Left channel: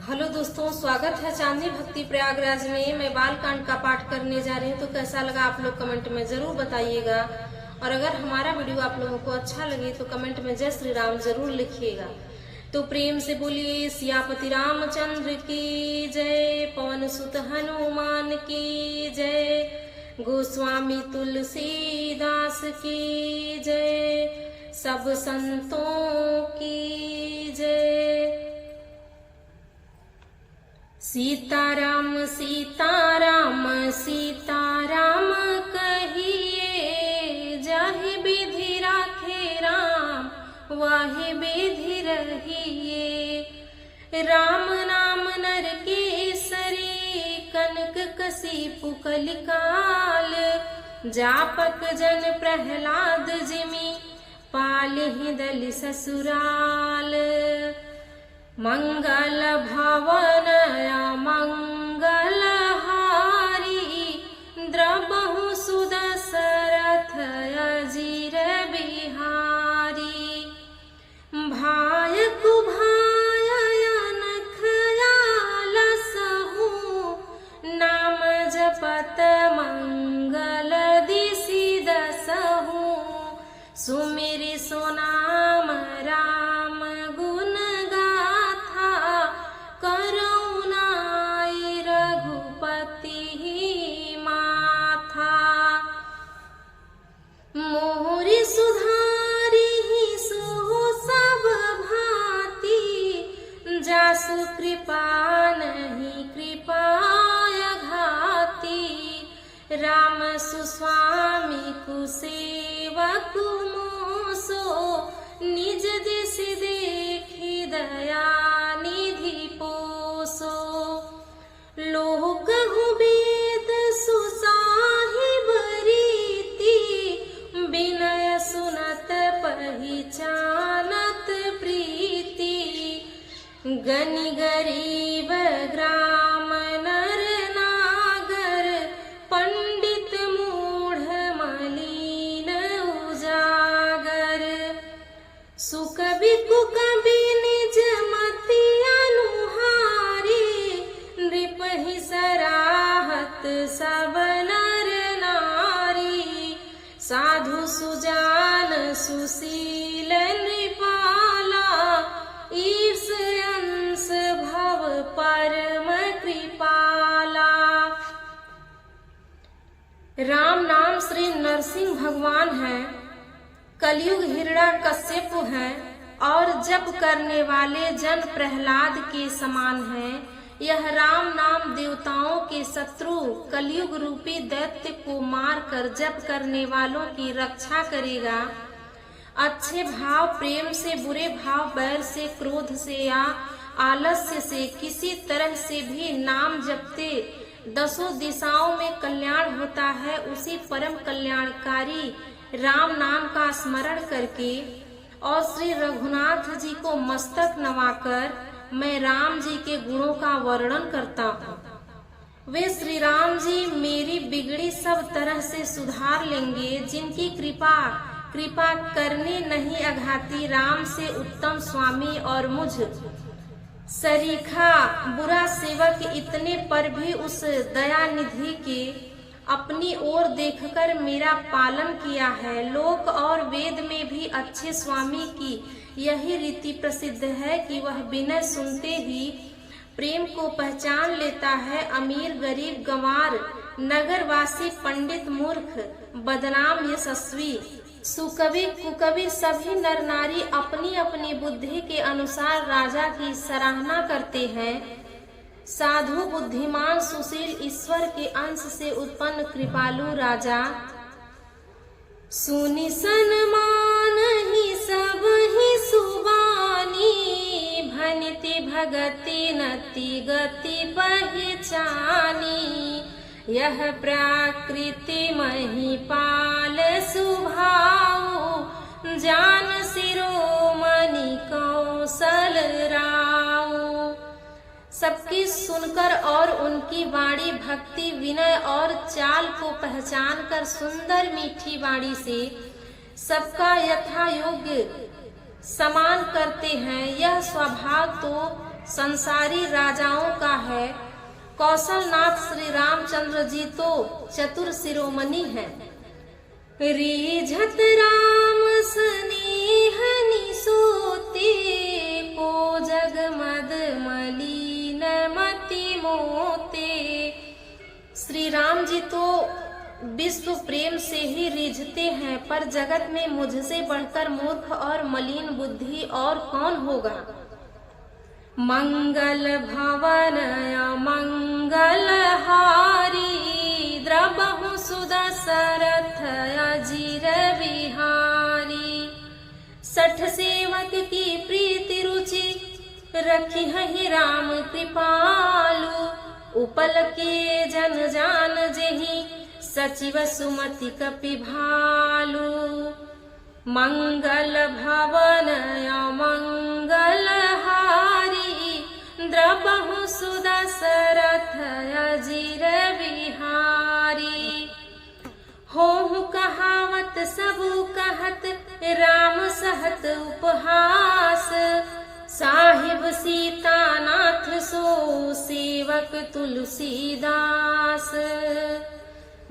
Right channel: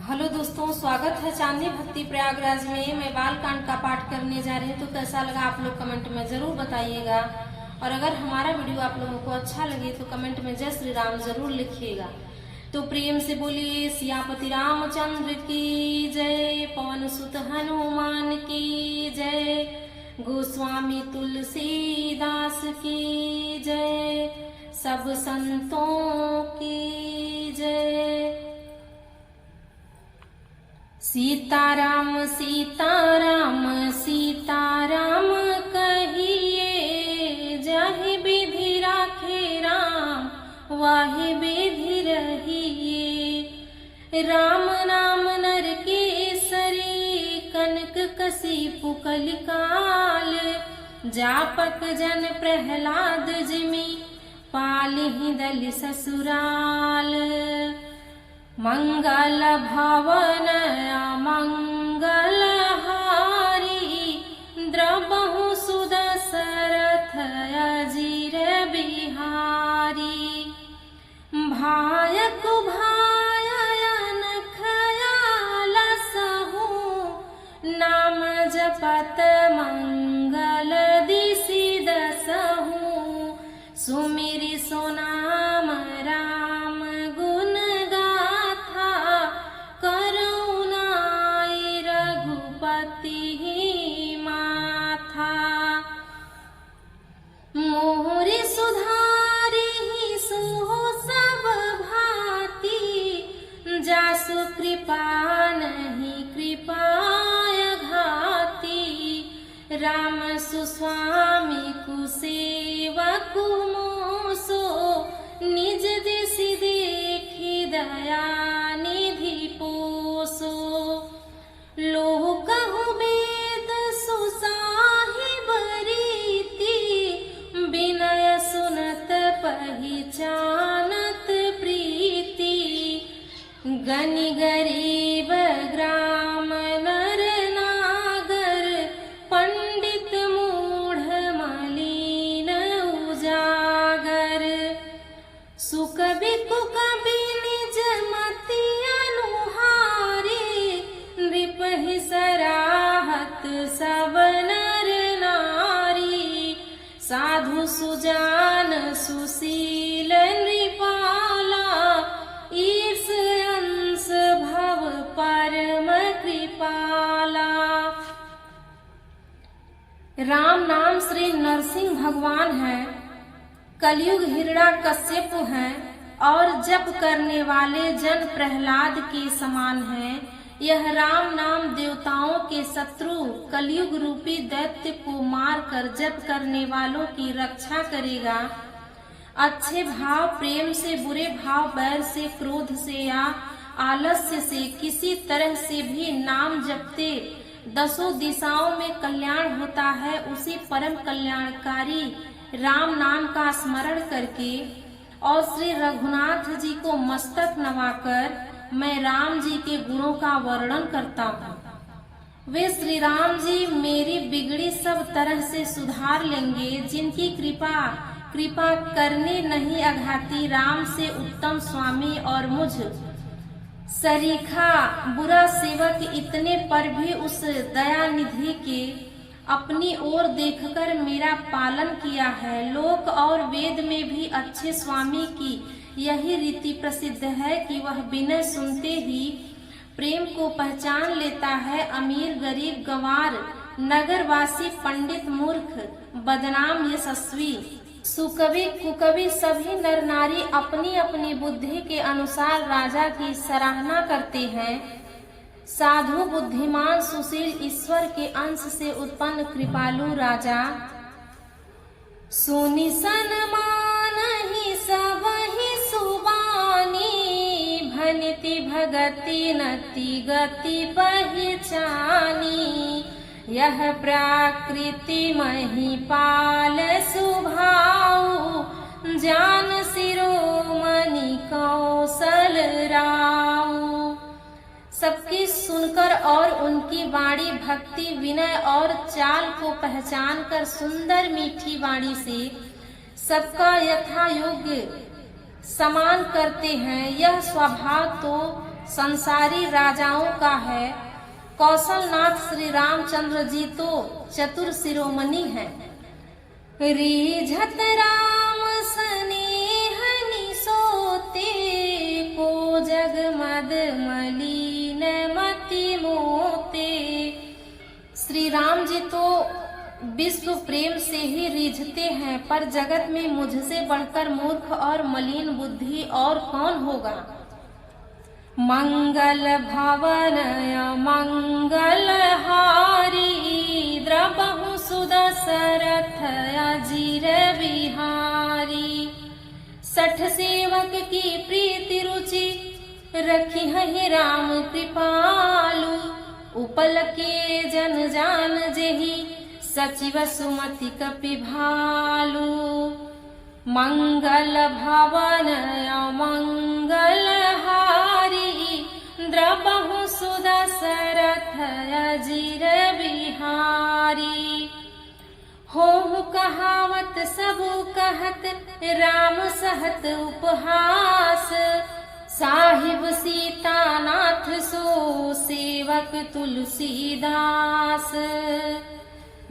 Hello दोस्तों, स्वागत है चांदनी भक्ति प्रयागराज में। मैं बालकांड का पाठ करने जा रही हूँ, तो कैसा लगा आप लोग कमेंट में जरूर बताइएगा। और अगर हमारा वीडियो आप लोगों को अच्छा लगे तो कमेंट में जय श्री राम जरूर लिखिएगा। तो प्रेम से बोलिए सियापति रामचंद्र की जय, पवन सुत हनुमान की जय, गोस्वामी तुलसीदास की जय, सब संतों की जय। सीताराम सीताराम सीताराम कहिए, जाहि विधि राखे राम वाहि विधि रहिए। राम नाम नर केसरी, कनक कसी कलिकाल, जापक जन प्रहलाद जिमि, पालिहि दलि ससुराल। मंगल भवन मंगल हारी, द्रबहु सुदशरथ अजीर बिहारी। भायकु भायन खयालसहु, नाम जपत मंगल दिसि दसहु। सुमिरि सोनाम राम गुण गाथा, करुणाई रघुपति माथा। मोरि सुधारि सो सब भांति, जासु कृपा नहीं कृपाय घाती। राम सुस्वामी कुसेवकु मोसो, निज दिस देखी दया निधि पोसो। लोकहु वेद सुसाहिब रीति, विनय सुनत पहिचानत प्रीति। गनि गरीब ग्राम नर नागर, पंडित मूढ़ मलिन उजागर। सुकवि कुकवि निज मति अनुहारी, नृपहि सराहत सब नर नारी। साधु सुजान सुशील नृपाला, ईर्ष अंश भव परम कृपाला। राम नाम श्री नरसिंह भगवान हैं, कलयुग हिरण्यकश्यप हैं, और जप करने वाले जन प्रहलाद के समान हैं। यह राम नाम देवताओं के शत्रु कलयुग रूपी दैत्य को मारकर जप करने वालों की रक्षा करेगा। अच्छे भाव प्रेम से, बुरे भाव बैर से, क्रोध से या आलस्य से किसी तरह से भी नाम जपते दसों दिशाओं में कल्याण होता है। उसी परम कल्याणकारी राम नाम का स्मरण करके और श्री रघुनाथ जी को मस्तक नवाकर मैं राम जी के गुणों का वर्णन करता हूँ। वे श्री राम जी मेरी बिगड़ी सब तरह से सुधार लेंगे, जिनकी कृपा करने नहीं अघाती। राम से उत्तम स्वामी और मुझ सरीखा बुरा सेवक इतने पर भी उस दया निधि के अपनी ओर देखकर मेरा पालन किया है। लोक और वेद में भी अच्छे स्वामी की यही रीति प्रसिद्ध है कि वह बिना सुनते ही प्रेम को पहचान लेता है। अमीर गरीब गंवार, नगरवासी पंडित मूर्ख, बदनाम यशस्वी, सुकवि कुकवि सभी नर नारी अपनी अपनी बुद्धि के अनुसार राजा की सराहना करते हैं। साधु बुद्धिमान सुशील ईश्वर के अंश से उत्पन्न कृपालु राजा, सुनि सन्मान ही सब ही सुबानी। भनिति भगति नति गति पहिचानी, यह प्रकृति महिपाल सुभाऊ। जान शिरोमणि कौशल राऊ। सबकी सुनकर और उनकी वाणी भक्ति विनय और चाल को पहचान कर सुंदर मीठी वाणी से सबका यथा योग्य समान करते हैं। यह स्वभाव तो संसारी राजाओं का है। कौशलनाथ श्री रामचंद्र जी तो चतुर शिरोमणि है। रीझत राम स्नेहनि सोते, को जगमद मलिन मति मोते। श्री राम जी तो विश्व प्रेम से ही रीझते हैं, पर जगत में मुझसे बढ़कर मूर्ख और मलिन बुद्धि और कौन होगा। मंगल भवन मंगल हारी, द्रबहु सुदशरथ अजीर बिहारी। 60 सेवक की प्रीति रुचि, रखी है राम कृपालु। उपल के जन जान जेहि, सचिव सुमति कपि भालु। मंगल भवन मंगल हारी, द्रबहु सुदशरथ अजीर बिहारी। होहु कहावत सबु कहत, राम सहत उपहास। साहिब सीतानाथ सो, सेवक तुलसीदास।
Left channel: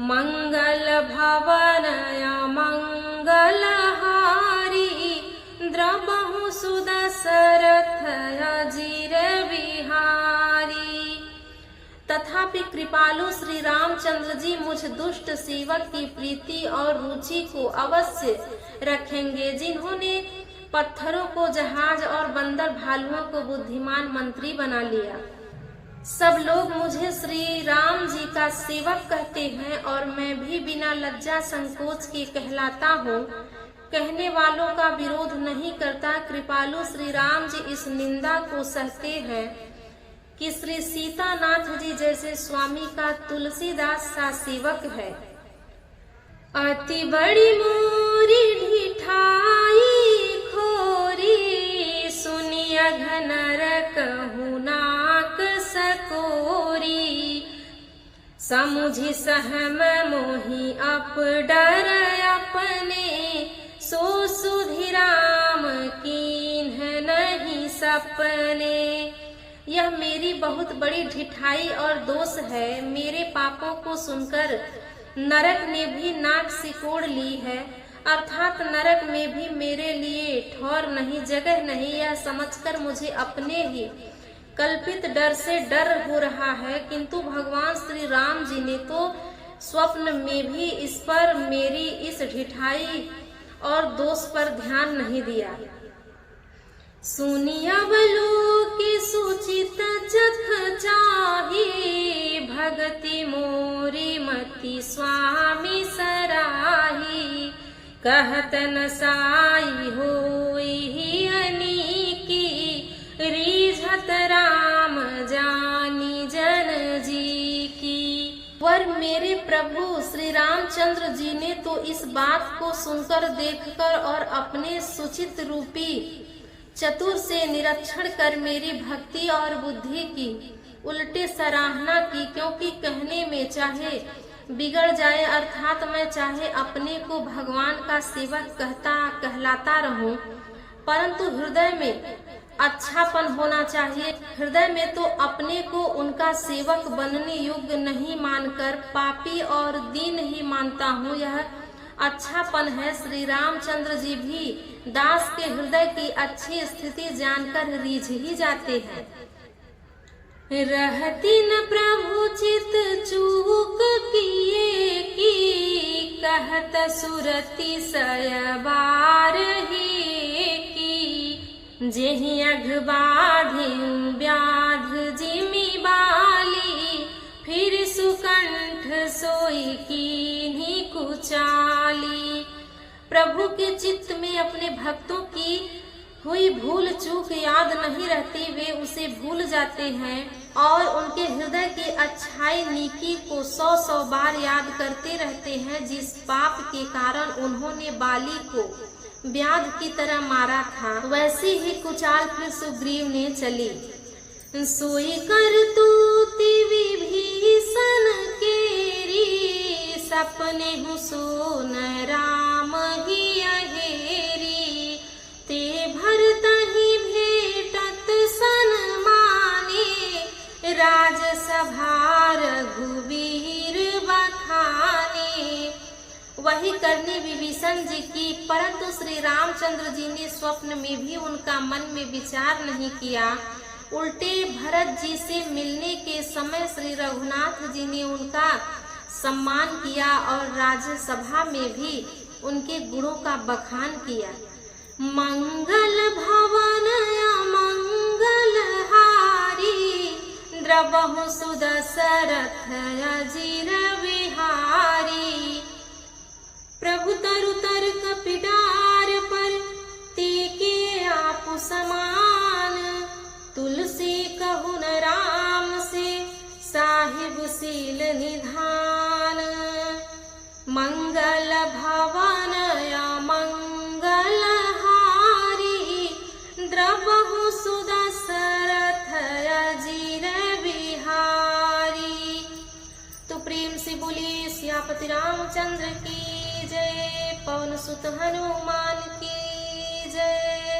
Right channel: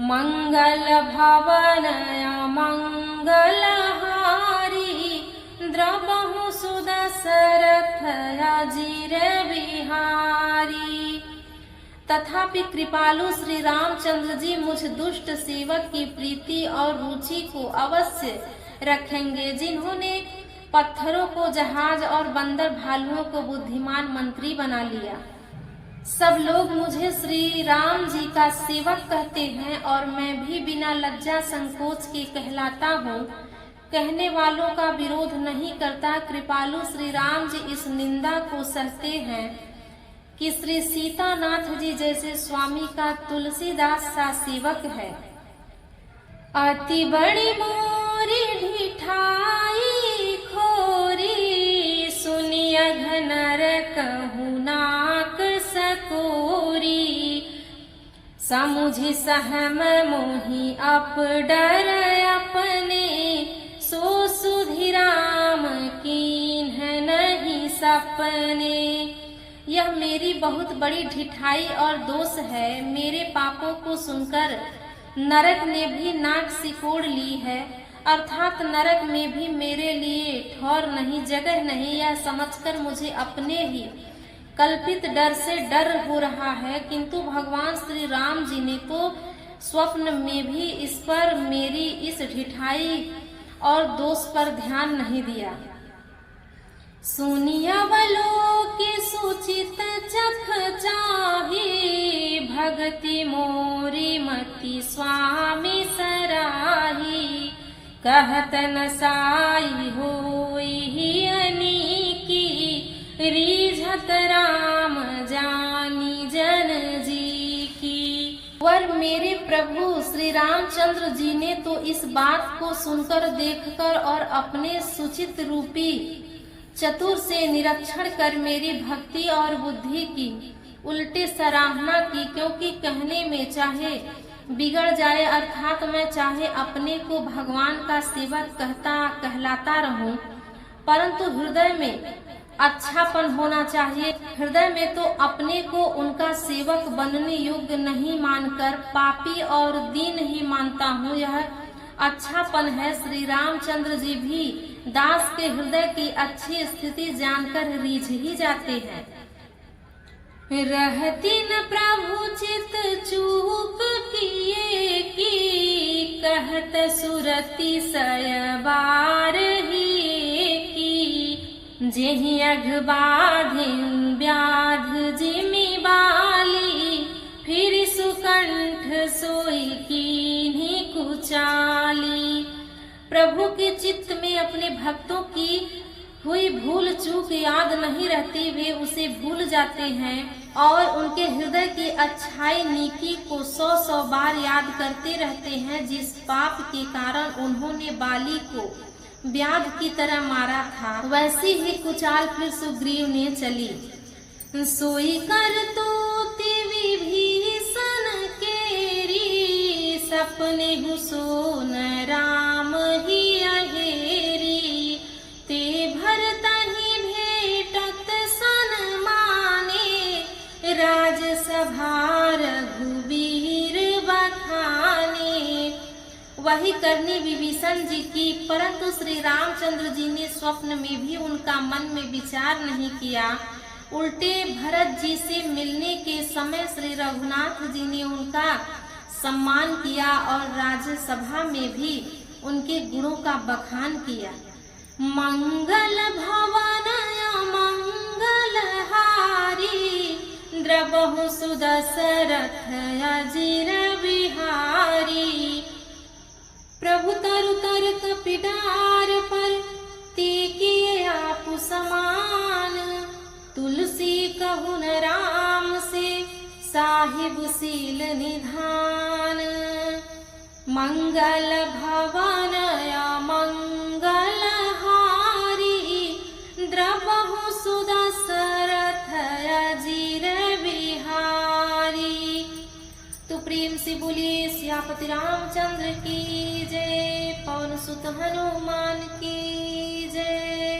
मंगल भवन मंगल हारी, द्रबहु सुदशरथ अजीर बिहारी। तथापि कृपालु श्री रामचंद्र जी मुझ दुष्ट सेवक की प्रीति और रुचि को अवश्य रखेंगे, जिन्होंने पत्थरों को जहाज और बंदर भालुओं को बुद्धिमान मंत्री बना लिया। सब लोग मुझे श्री राम जी का सेवक कहते हैं और मैं भी बिना लज्जा संकोच के कहलाता हूँ। कहने वालों का विरोध नहीं करता। कृपालु श्री राम जी इस निंदा को सहते हैं कि श्री सीतानाथ जी जैसे स्वामी का तुलसीदास सा सेवक है। अति बड़ी मोरी ढिठाई खोरी, सुनिय घनर कहु नाक सकोरी। समुझि सहम मोहि अप डर अपने, सो सुधि राम कीन्ह नहीं सपने। यह मेरी बहुत बड़ी ढिठाई और दोष है। मेरे पापों को सुनकर नरक ने भी नाक सिकोड़ ली है, अर्थात नरक में भी मेरे लिए ठौर नहीं, जगह नहीं। यह समझकर मुझे अपने ही कल्पित डर से डर हो रहा है, किंतु भगवान श्री राम जी ने तो स्वप्न में भी इस पर, मेरी इस ढिठाई और दोष पर ध्यान नहीं दिया। सुनिया बलो के सुचित चख चाही, भगति मोरी मति स्वामी सराही। कहत न साई होई अनीकी, रीझत राम जानी जन जी की। वर मेरे प्रभु श्री रामचंद्र जी ने तो इस बात को सुनकर, देखकर और अपने सुचित रूपी चतुर से निरीक्षण कर मेरी भक्ति और बुद्धि की उल्टे सराहना की। क्योंकि कहने में चाहे बिगड़ जाए, अर्थात मैं चाहे अपने को भगवान का सेवक कहलाता रहूं, परंतु हृदय में अच्छापन होना चाहिए। हृदय में तो अपने को उनका सेवक बनने योग्य नहीं मानकर पापी और दीन ही मानता हूँ। यह अच्छापन है। श्री रामचंद्र जी भी दास के हृदय की अच्छी स्थिति जानकर रीझ ही जाते हैं। रहती न प्रभु चित चूक किए की, कहत सुरति सयबार ही की। जेहि अघबाधे व्याध जिमि बाली, फिर सुकंठ सोई कीन्ही कुचाली। प्रभु के चित्त में अपने भक्तों की हुई भूल चूक याद नहीं रहती, वे उसे भूल जाते हैं और उनके हृदय की अच्छाई नीकी को 100 बार याद करते रहते हैं, जिस पाप के कारण उन्होंने बाली को व्याध की तरह मारा था, वैसी ही कुचाल फिर सुग्रीव ने चली। सोई कर तूति विभीषण केरी, सपने हुसोन राम ही अहेरी। ते भरतहि भेटत सन्मान, सभा रघुवीर बखाने। वही करनी विभीषण जी की, परंतु श्री रामचंद्र जी ने स्वप्न में भी उनका मन में विचार नहीं किया। उल्टे भरत जी से मिलने के समय श्री रघुनाथ जी ने उनका सम्मान किया और राज्यसभा में भी उनके गुणों का बखान किया। मंगल भवन मंगल हारी, द्रवहु सुदशरथ अजीर बिहारी। प्रभु तरु तर कपिडार पर, तेके आपु समान। तुलसी कहुन राम से, साहिब सील निधान। मंगल भवन मंगल हारी, द्रवहु सुदशरथ अजीर बिहारी। तो प्रेम से बोलिए सियापति रामचंद्र की जय, पवन सुत हनुमान की जय।